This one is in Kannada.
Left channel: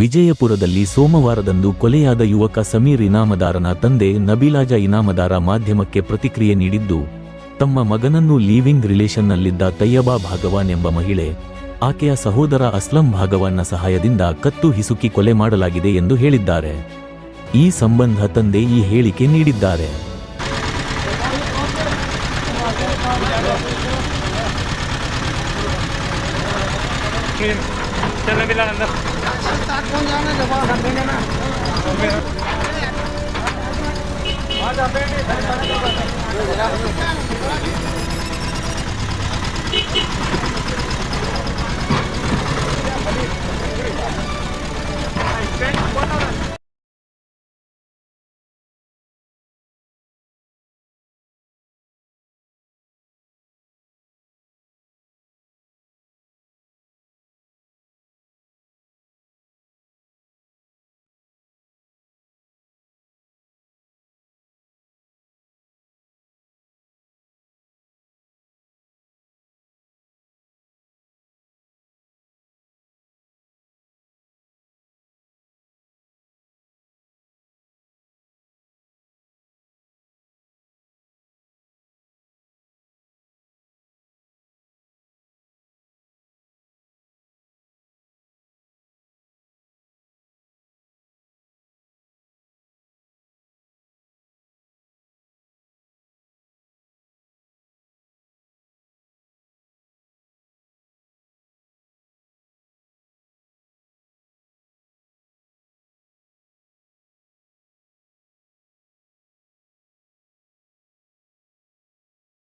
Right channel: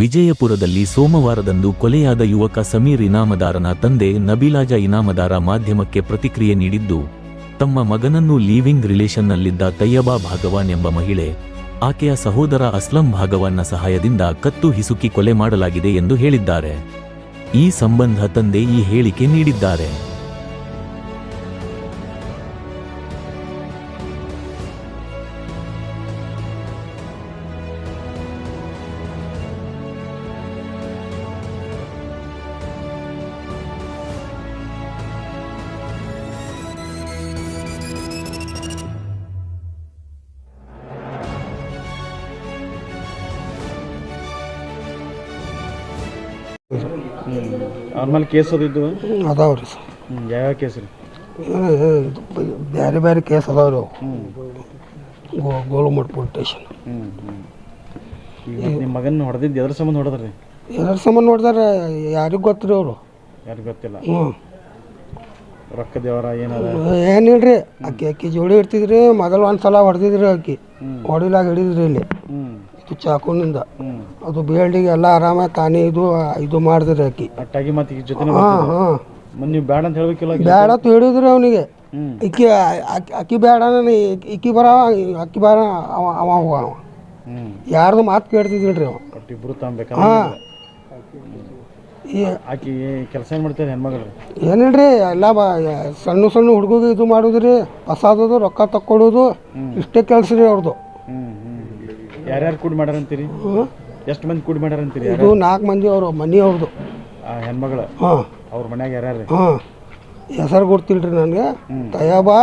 ವಿಜಯಪುರದಲ್ಲಿ ಸೋಮವಾರದಂದು ಕೊಲೆಯಾದ ಯುವಕ ಸಮೀರ್ ಇನಾಮದಾರನ ತಂದೆ ನಬೀಲಾಜ ಇನಾಮದಾರ ಮಾಧ್ಯಮಕ್ಕೆ ಪ್ರತಿಕ್ರಿಯೆ ನೀಡಿದ್ದು, ತಮ್ಮ ಮಗನನ್ನು ಲೀವಿಂಗ್ ರಿಲೇಷನ್ನಲ್ಲಿದ್ದ ತಯ್ಯಬಾ ಭಾಗವಾನ್ ಎಂಬ ಮಹಿಳೆ, ಆಕೆಯ ಸಹೋದರ ಅಸ್ಲಂ ಭಾಗವಾನ್ನ ಸಹಾಯದಿಂದ ಕತ್ತು ಹಿಸುಕಿ ಕೊಲೆ ಮಾಡಲಾಗಿದೆ ಎಂದು ಹೇಳಿದ್ದಾರೆ. ಈ ಸಂಬಂಧ ತಂದೆ ಈ ಹೇಳಿಕೆ ನೀಡಿದ್ದಾರೆ. ಅವ್ರ ಮೇಲೆ ಕೇಸ್ ಅದಿದ್ದು ಅದಾವ್ರಿ ಸರ್. ಯಾವ ಕೇಸ್ ರೀ? ಬೇರೆ ಬೇರೆ ಕೇಸ್ ಅದಾವ್ರಿ ಅವು. ಗೋಲುಮಠ ಪೊಲೀಸ್ ಸ್ಟೇಷನ್. ನಿಮ್ಮ ಮಗನ ಹೊಡೆದಿದ್ದು ಎದ್ರ ಸಂಬಂಧ ಹೊಡೆದ್ರಿ? ಎದ್ರ ಸಂಬಂಧ ನೋಡಿದಾರೆ ಯಾರಿಗೂ ಗೊತ್ತಿರಿ ಅವರು. ಯಾರಿಗೂ ಗೊತ್ತಿಲ್ಲ. ರೊಕ್ಕ ದೇವರ ಏನಿಲ್ರಿ, ಅಕ್ಕಿ ಜೋಡಿ ಇರ್ತಿದ್ರಿ. ಮೊದಲು ಒಂದ್ಸಲ ಹೊಡೆದಿದ್ರಿ, ಅಕ್ಕಿ ಹೊಡಿಲಾಗ ಹಿಡಿದ್ರಿ ಇಲ್ಲಿ ಇದು ಚಾಕುನಿಂದ. ಅದು ಬೇಲ್ಡಿಗೆ ಎಲ್ಲ ಆರಾಮ ತಾನೇ ಇದು ಮಾಡಿದ್ರಿ ಅಕ್ಕಿ. ಅಟ್ಟಾಗಿ ಮತ್ತೆ ಈಗ ಜೊತೆ ನೀವು ಬೇಡ ಅಂತ ಹೇಳ್ಬೇಕಿಲ್ಲ? ಬೇಡ ಅಂತ ಹೇಳಿದ್ರಿ ಅವನಿಗೆ. ಅಕ್ಕಿ ಬೇಡ, ಇಕ್ಕಿ ಬರ ಅಕ್ಕಿ ಬೇಡ, ಅವ ಹೋಗ. ಯಾರ್ದು ಮಾತು ಕೇಳ್ತಿದ್ದಿಲ್ರಿ ಅವ. ಇಬ್ರು ತಗೋಬೇಕು. ಆಕಿ ಕೆಲಸ ಏನು ಮಾಡ್ತಾರೆ ಹೆಣ್ಮಗಳು? ಏನಿಲ್ರಿ, ಎಲ್ಲ ಸಣ್ಣ ಸಣ್ಣ ಹುಡುಗಿಗೆ ಇದು ಮಾಡೋದ್ರಿ, ಹೊಸಾದದು ರೊಕ್ಕ ತಕ್ಕೊಡೋದು, ಇಷ್ಟೇ ಕೆಲಸ ರೀ ಅವ್ರದ್ದು. ಯಾರ್ಯಾರು ಕೂಡಿ ಮಾಡ್ಯಾರಂತೀರಿ? ಎಷ್ಟು ಮಂದಿ ಕೂಡಿ ಮಾಡ್ಯಾರಂತೀರಿ? ಇದು 4 ಮಂದಿ ಅವರು ಮನೆ ಅವ್ರದ್ದು. ಹೆಣ್ಮಗಳು ಅವ್ರ ಮನ್ಯಾಗ ಯಾರ್ಯಾರು? ಹೆಸರು ಗೊತ್ತಿಲ್ರಿ ನನಗೆ. ತಯ್ಯಬಾ